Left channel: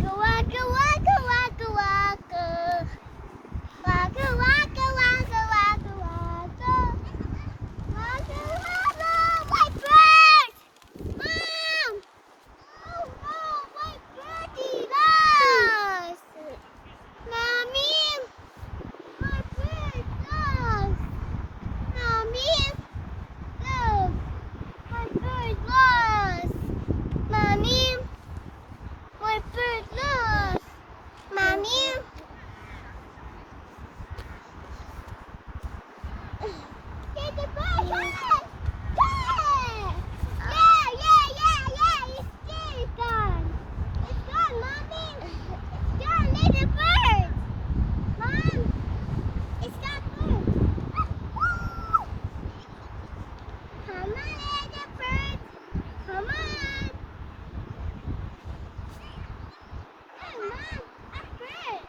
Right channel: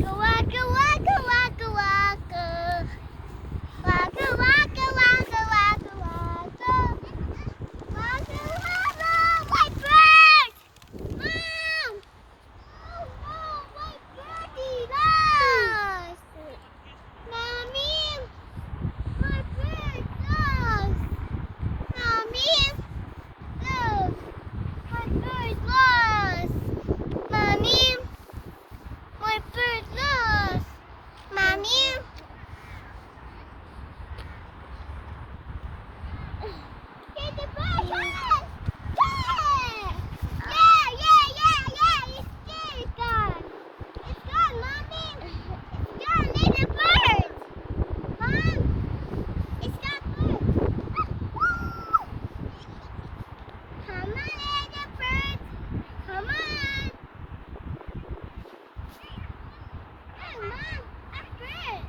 Waka waka waka waka waka. Waka waka waka waka waka. Waka waka. My bird! Mom! Oh no, my birdie lost! Mommy! My bird lost! Mommy! Look! My bird lost! Mommy! My bird lost! Mommy! Get the bird! Come on! Yeah! It's there! It's gone! It's gone, Mommy! It's gone! Let the bird! Mom! It's that bird! Come on, little bird! Come on! Hey, Mom! A bird!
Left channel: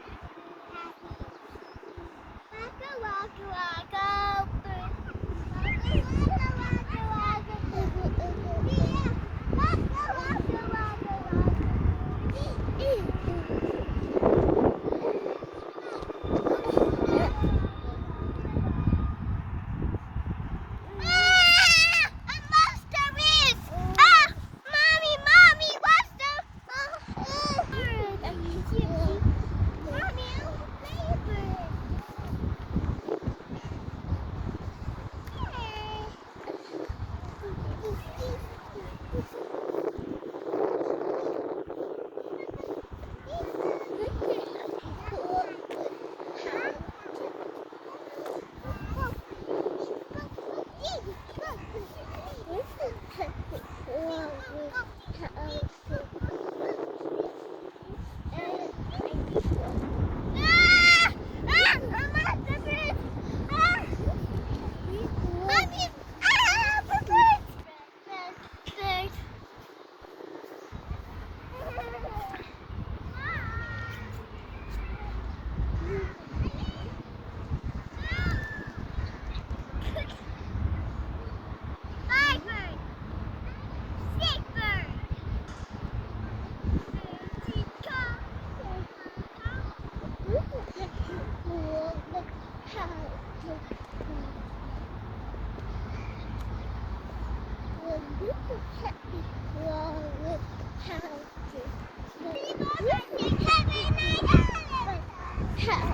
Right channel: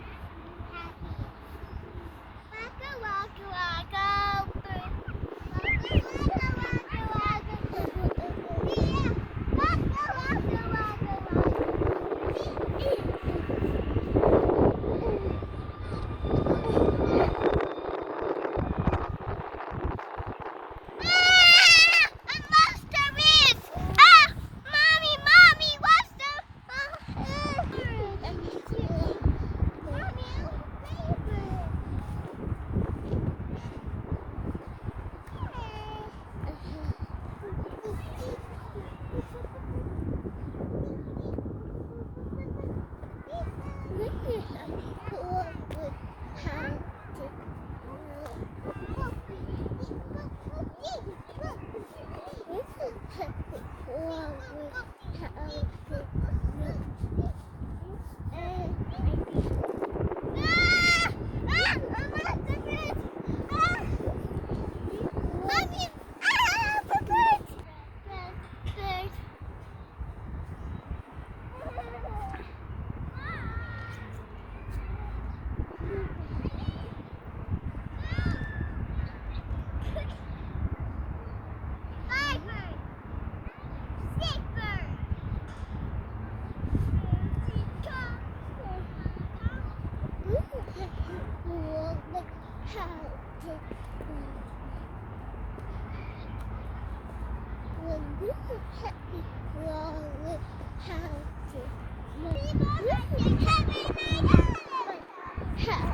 Waka waka waka bird. Waka waka waka waka bird. Yeah. Waka waka waka waka. I lost the wrist. Oh, mommy, lost the. Mommy, I want to play a bird. How